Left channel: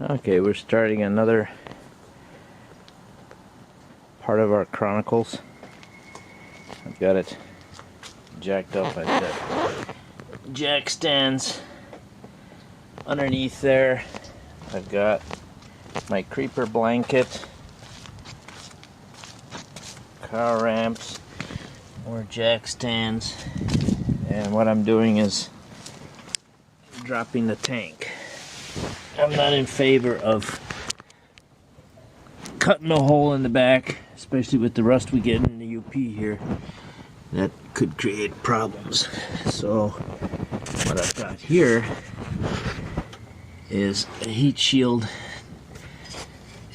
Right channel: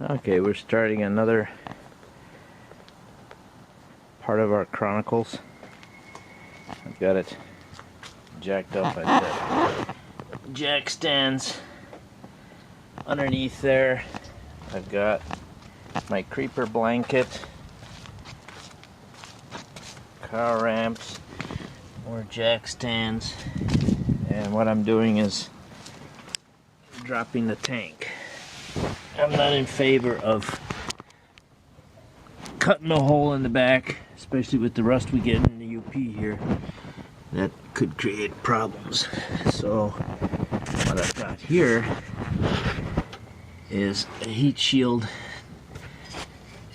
Okay, we're starting another part of our Chronicles. I've got it jacked up. I've got jack stands underneath there. I've got my creeper blanket, car ramps, more jack stands, and what I'm doing is dropping the tank. I'm not in favor of cutting a hole in the back, especially with the rust we get in the UP here. That could create problems. So what I've got here is a heat shield,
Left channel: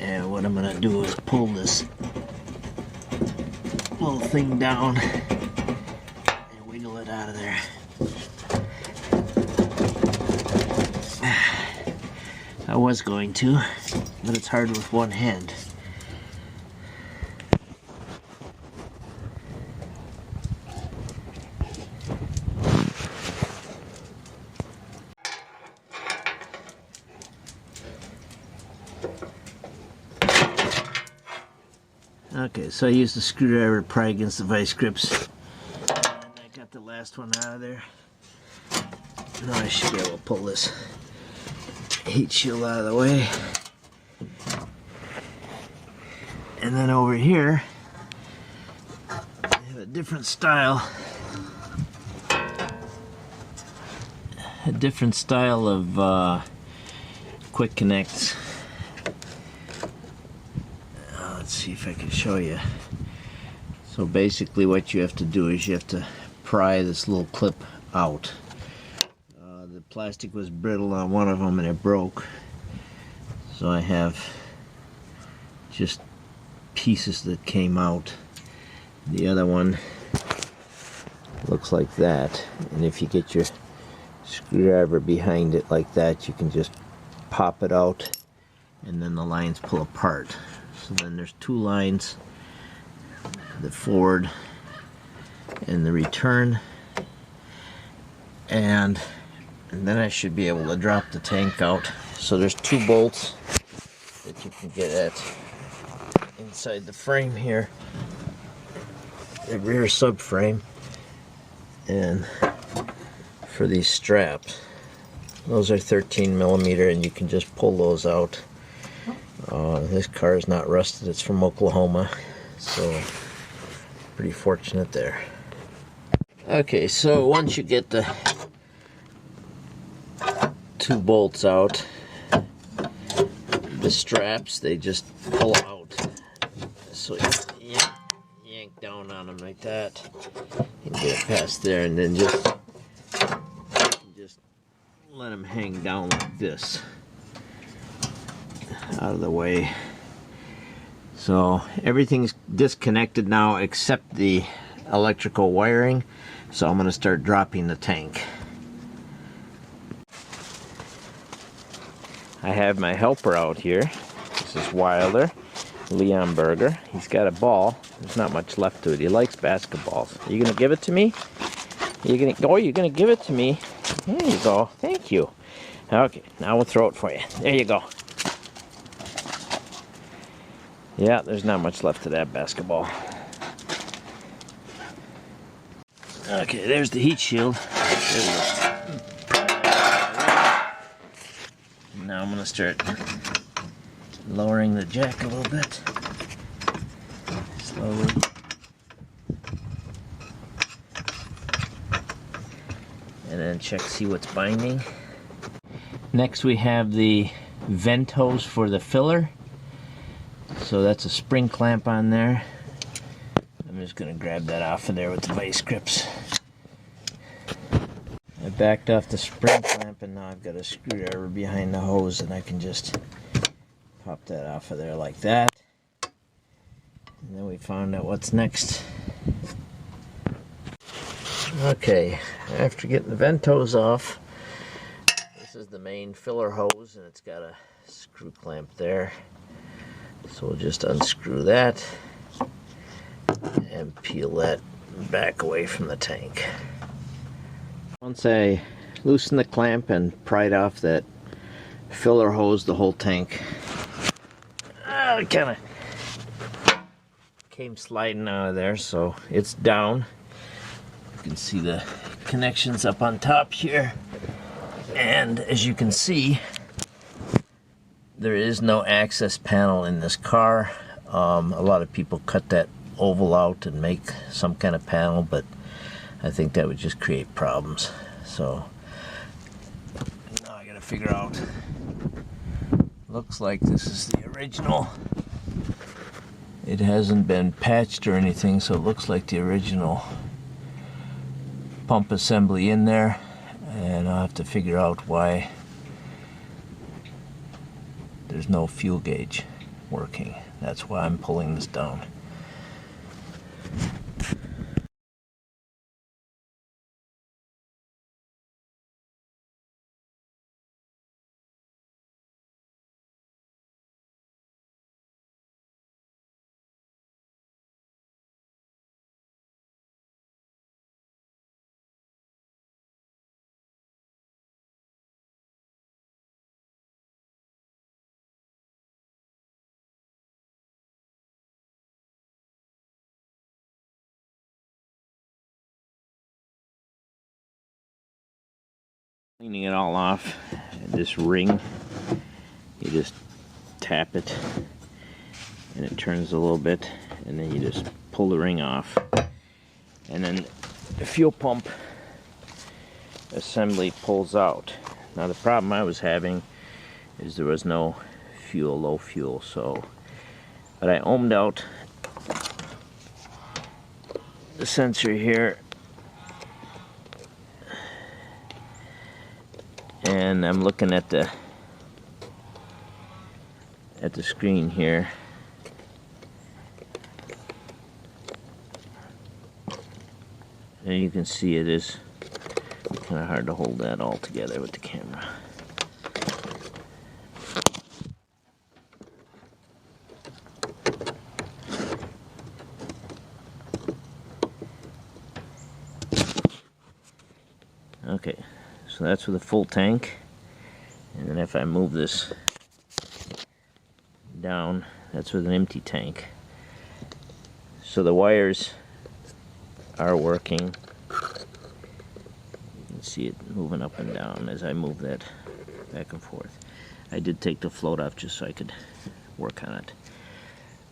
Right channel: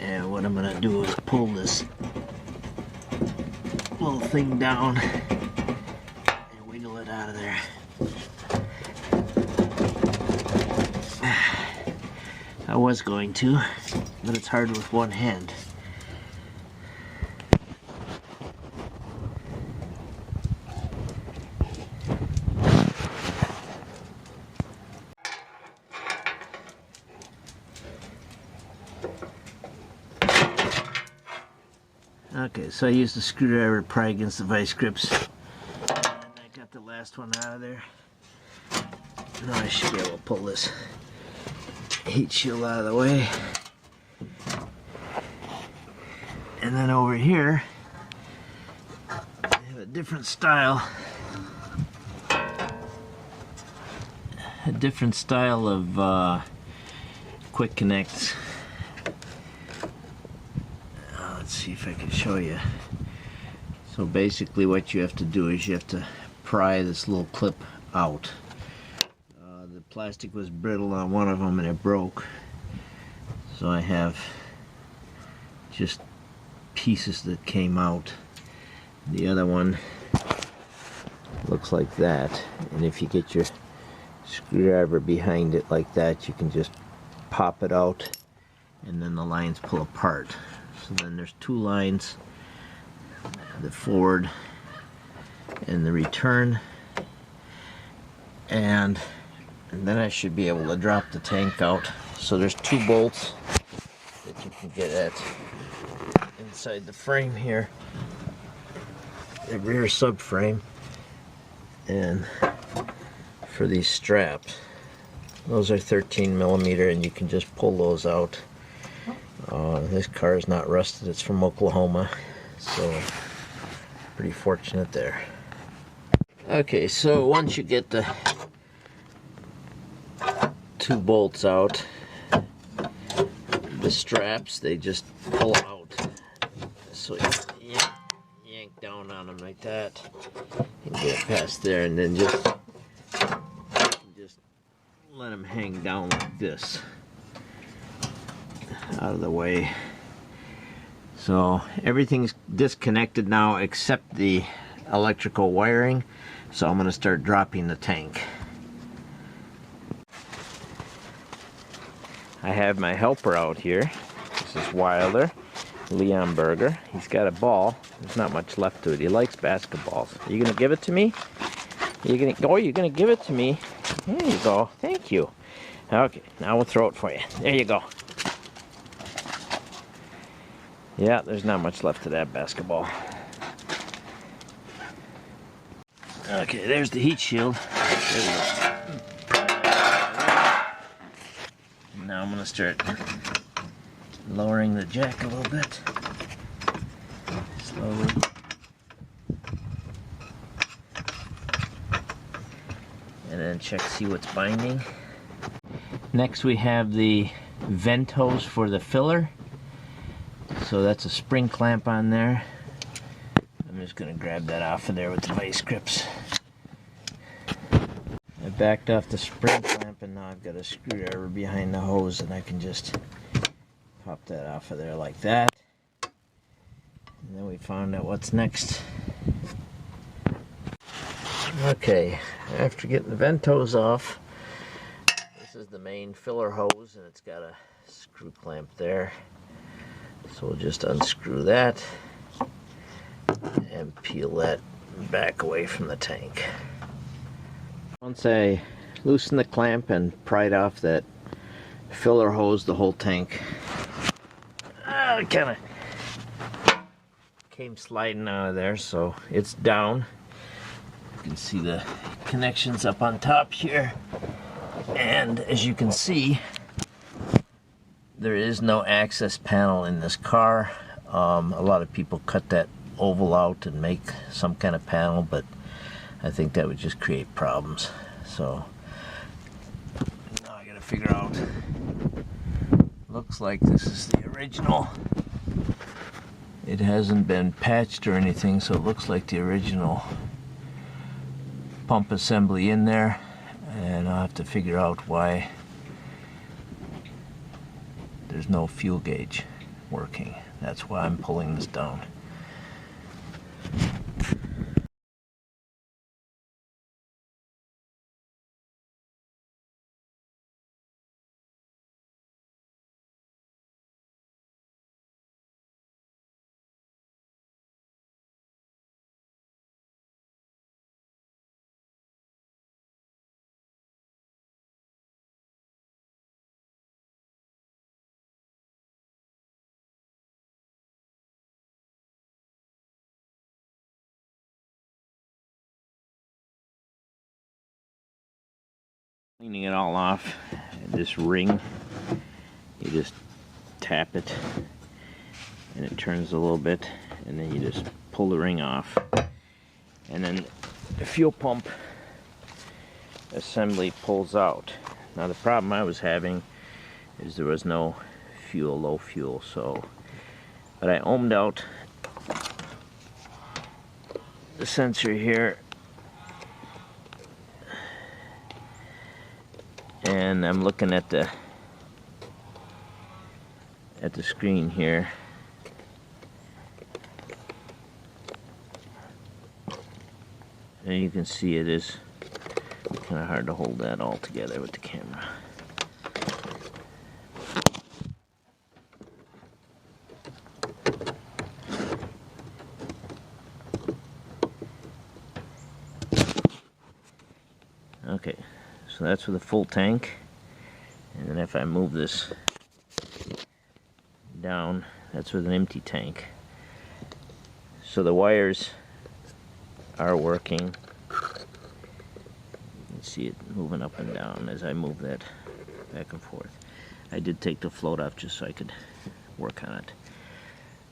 and what I'm going to do is pull this little thing down and wiggle it out of there. I was going to, but it's hard with one hand. Okay, so I used the screwdriver to pry against the vice grips, and I got the last one out of there. Now I should be able to pull this heat shield out of the way. And then over here, I have a different style of quick connects. Let's see if I can show you. So basically what you have to do is you have to pry this little clip out. The plastic was brittle on one of them and it broke. So I have just pieces that came out. The other one looks like that. And if you get your screwdriver behind it like that, you can just pop it out and then the lines pull apart. So then there's two lines, the forward and the return, and then I should be able to drop the tank out. So there's two bolts that you can get at inside the frame here, the rear subframe, and for these straps, those are 13mm, and you can just pull those out. This car is not rusted, it's from Oklahoma, so pretty fortunate there. Okay, so once you get the two bolts out, the straps, they just pull out. So you yank down on them like that and get it past there, and then just let them hang down like this out of the way. So everything's disconnected now except the electrical wiring, so I'm going to start dropping the tank. I have my helper out here. This is Wilder, Leon Berger. He's got a ball. There's not much left to it. He likes basketballs. Are you going to give it to me? You're going to give it to me? There you go. Thank you. Okay, now we'll throw it for you. There you go. Yeah, there's not much left to that basketball. Okay, there's the heat shield. There we go. Now I'm going to start lowering the jack a little bit. Slowly. And then see what's binding. Next we have the vent hose for the filler. So that's a spring clamp on there. I'm just going to grab that off of there with the vice grips. I backed off the spring clamp, and now I've got a screwdriver behind the hose, and I can just pop that off of there like that. And then we found out what's next. Okay, after getting the vent hose off, this is the main filler hose, and it's got a screw clamp there. So we'll just unscrew that and peel that back away from the tank. Once I loosen the clamp and pried off that filler hose the whole tank. It kind of came sliding out of there, so it's down. You can see the connections up on top here, and as you can see, there is no access panel in this car. A lot of people cut that oval out and make some kind of panel, but I think that would just create problems. So now I gotta figure out. Looks like this is the original. It hasn't been patched or anything, so it looks like the original pump assembly in there, and I'll have to figure out why there's no fuel gauge working. That's why I'm pulling this down. Cleaning it all off, this ring, you just tap it and it turns a little bit, and then you just pull the ring off, and then the fuel pump assembly pulls out. Now the problem I was having is there was no fuel, low fuel, so but I ohmed out the sensor here, and I'm looking at the screen here. And you can see it is kind of hard to hold that all together with the camera. Okay, so that's with a full tank, and then if I move this down, that's with an empty tank. So the wires are working. You can see it moving up and down as I move that back and forth. I did take the float off just so I could work on it.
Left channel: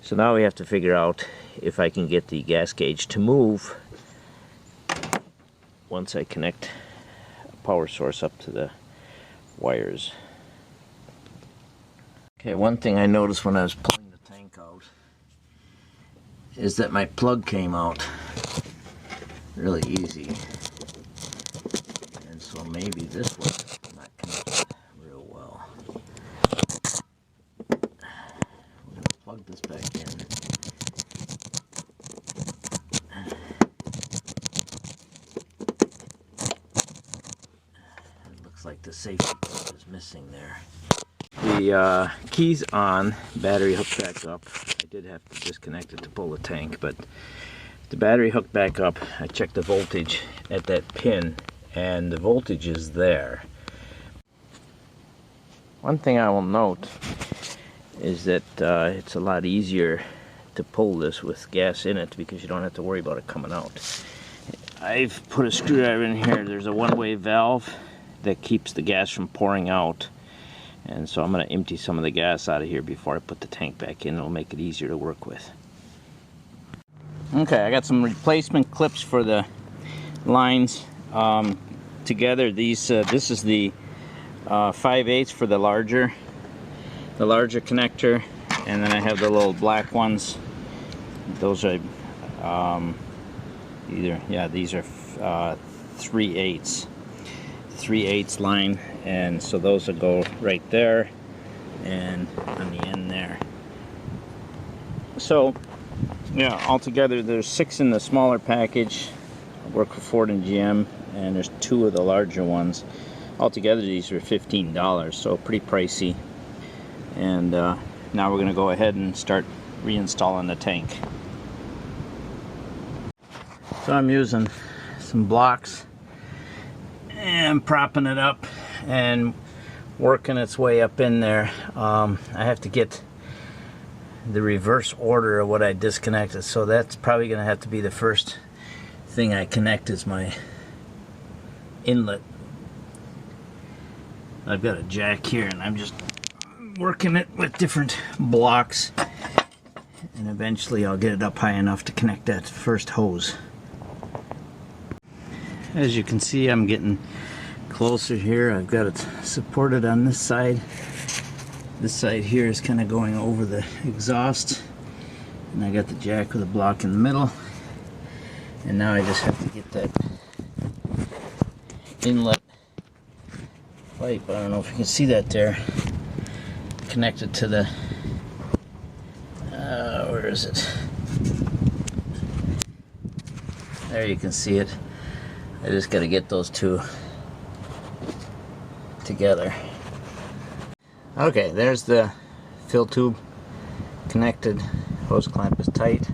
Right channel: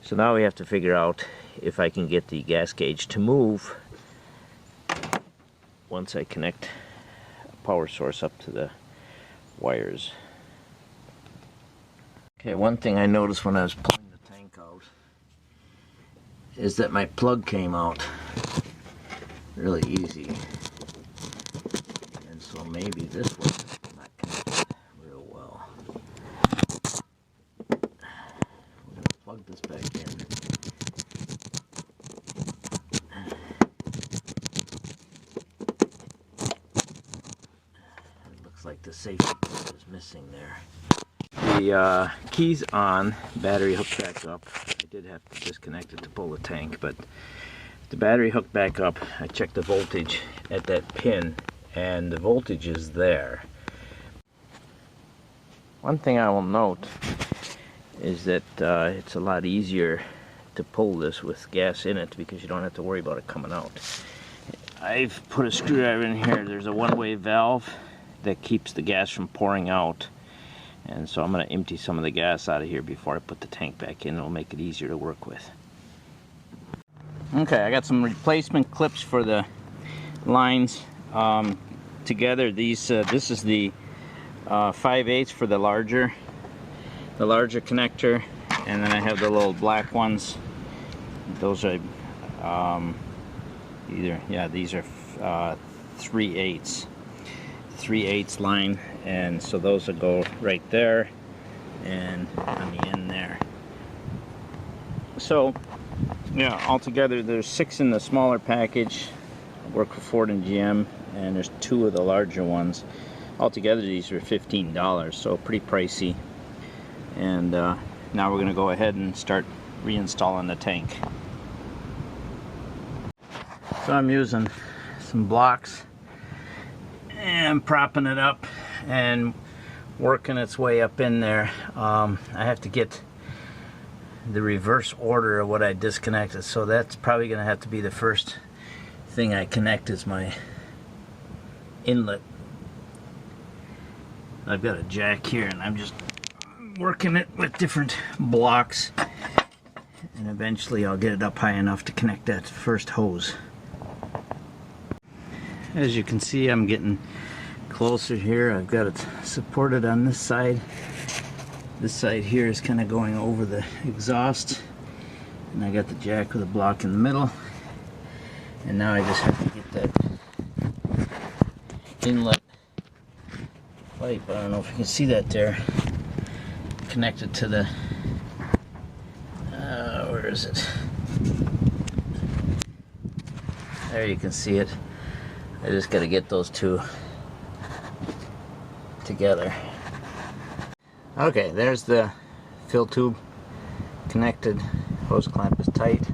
So now we have to figure out if I can get the gas gauge to move once I connect power source up to the wires. Okay, one thing I noticed when I was pulling the tank out is that my plug came out really easy, and so maybe this was not connected real well. We're going to plug this back in. Like the safety plug is missing there. The key's on, battery hooked back up. I did have to disconnect it to pull the tank, but the battery hooked back up. I checked the voltage at that pin, and the voltage is there. One thing I will note is that it's a lot easier to pull this with gas in it because you don't have to worry about it coming out. I've put a screwdriver in here. There's a one-way valve that keeps the gas from pouring out, and so I'm going to empty some of the gas out of here before I put the tank back in. It'll make it easier to work with. Okay, I got some replacement clips for the lines together. These this is the 5/8 for the larger connector, and then I have the little black ones. Those are these are 3/8. 3/8 line, and so those will go right there and on the end there. So yeah, altogether there's 6 in the smaller package. I work for Ford and GM, and there's 2 of the larger ones. Altogether these are $15, so pretty pricey. And now we're going to go ahead and start reinstalling the tank. So I'm using some blocks and propping it up, and working its way up in there. I have to get the reverse order of what I disconnected, so that's probably going to have to be the first thing I connect is my inlet. I've got a jack here and I'm just working it with different blocks, and eventually I'll get it up high enough to connect that first hose. As you can see, I'm getting closer here. I've got it supported on this side. This side here is kind of going over the exhaust, and I got the jack with a block in the middle, and now I just have to get that inlet pipe, I don't know if you can see that there, connected to the where is it? There, you can see it. I just got to get those two together. Okay, there's the fill tube connected. Hose clamp is tight,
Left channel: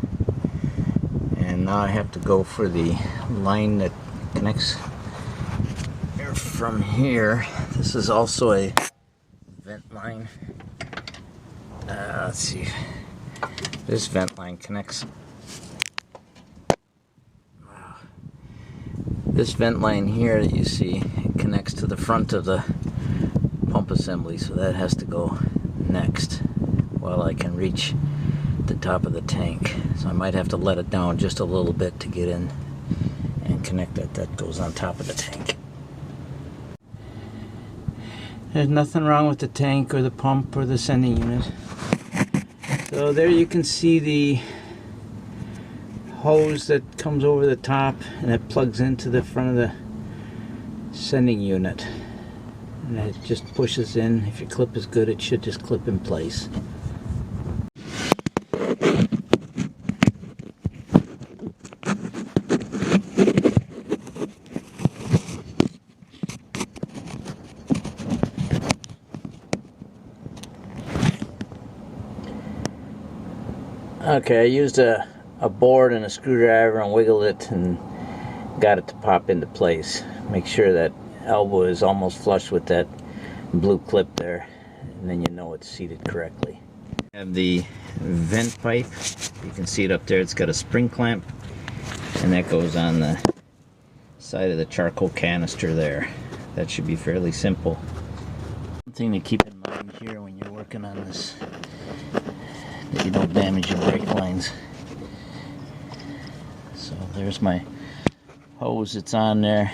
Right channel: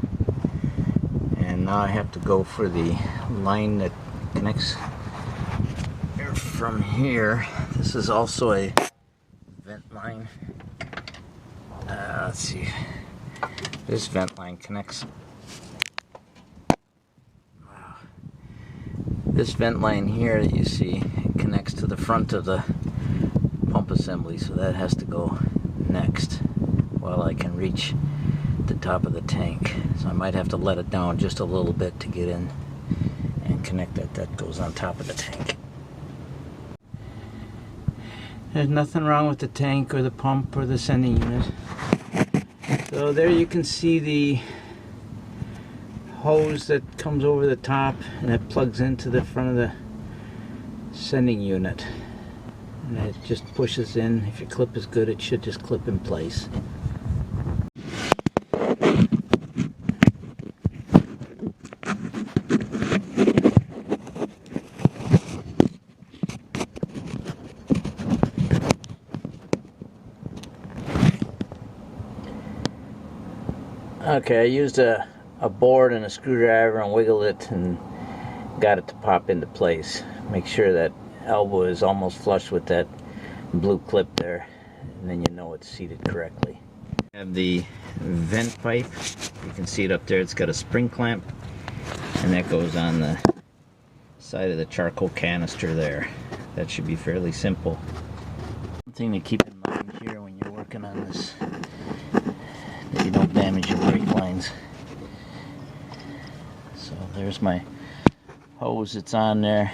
and now I have to go for the line that connects from here. This is also a vent line. Let's see. This vent line connects. This vent line here that you see connects to the front of the pump assembly, so that has to go next while I can reach the top of the tank. So I might have to let it down just a little bit to get in and connect that. That goes on top of the tank. There's nothing wrong with the tank or the pump or the sending unit. So there you can see the hose that comes over the top, and it plugs into the front of the sending unit, and it just pushes in. If your clip is good, it should just clip in place. Okay, I used a board and a screwdriver and wiggled it and got it to pop into place. Make sure that elbow is almost flush with that blue clip there, and then you know it's seated correctly. I have the vent pipe. You can see it up there. It's got a spring clamp, and that goes on the side of the charcoal canister there. That should be fairly simple. One thing to keep in mind here when you're working on this, that you don't damage your brake lines. So there's my hose that's on there,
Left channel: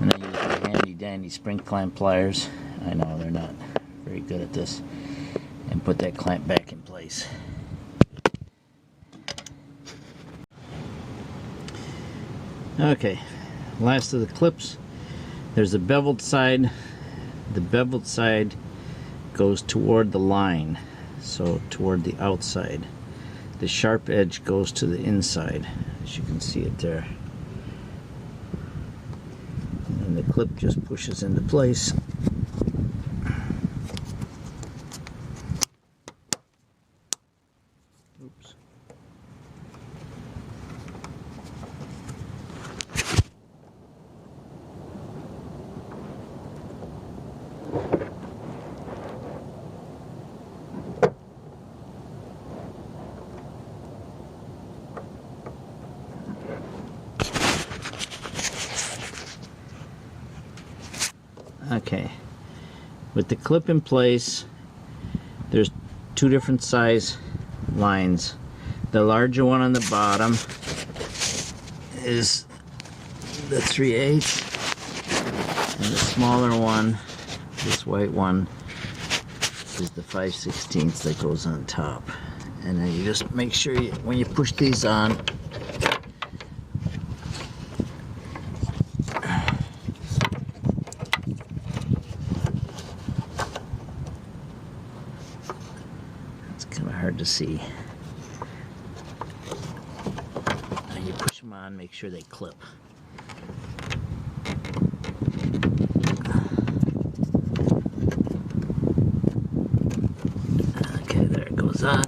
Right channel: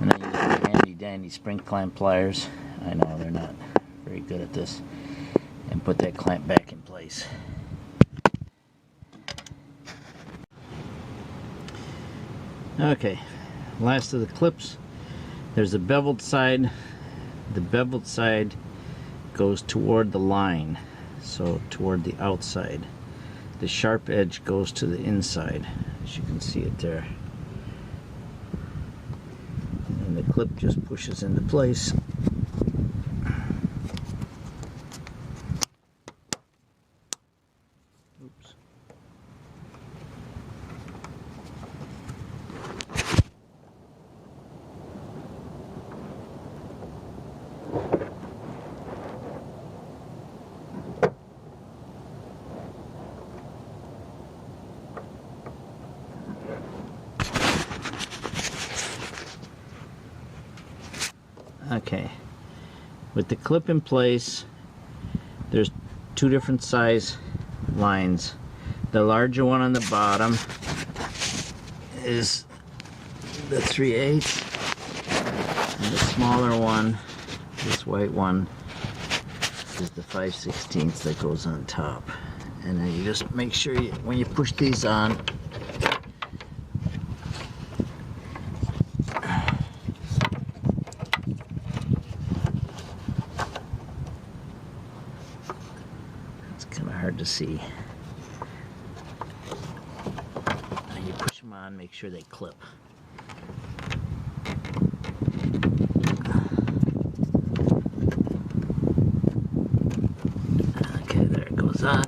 and I use my handy dandy spring clamp pliers. I know they're not very good at this, and put that clamp back in place. Okay, last of the clips. There's a beveled side. The beveled side goes toward the line, so toward the outside. The sharp edge goes to the inside, as you can see it there. And the clip just pushes into place. Oops. Okay, with the clip in place, there's two different size lines. The larger one on the bottom is the 3/8, and the smaller one, this white one, is the 5/16 that goes on top. And then you just make sure when you push these on, hard to see. Now you push them on, make sure they clip. Okay, there it goes on.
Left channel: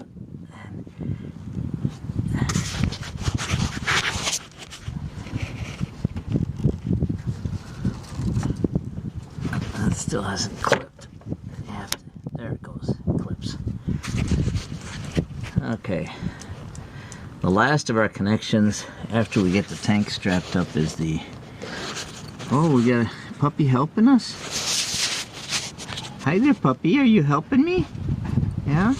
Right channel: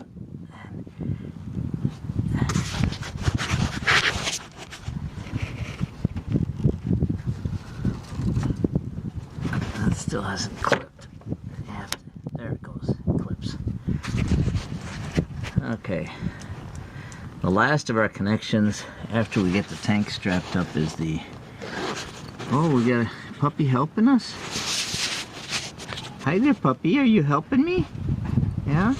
That's still hasn't clipped. There it goes, clips. Okay. The last of our connections after we get the tank strapped up is the... Oh, we got a puppy helping us? Hi there, puppy. Are you helping me? Yeah?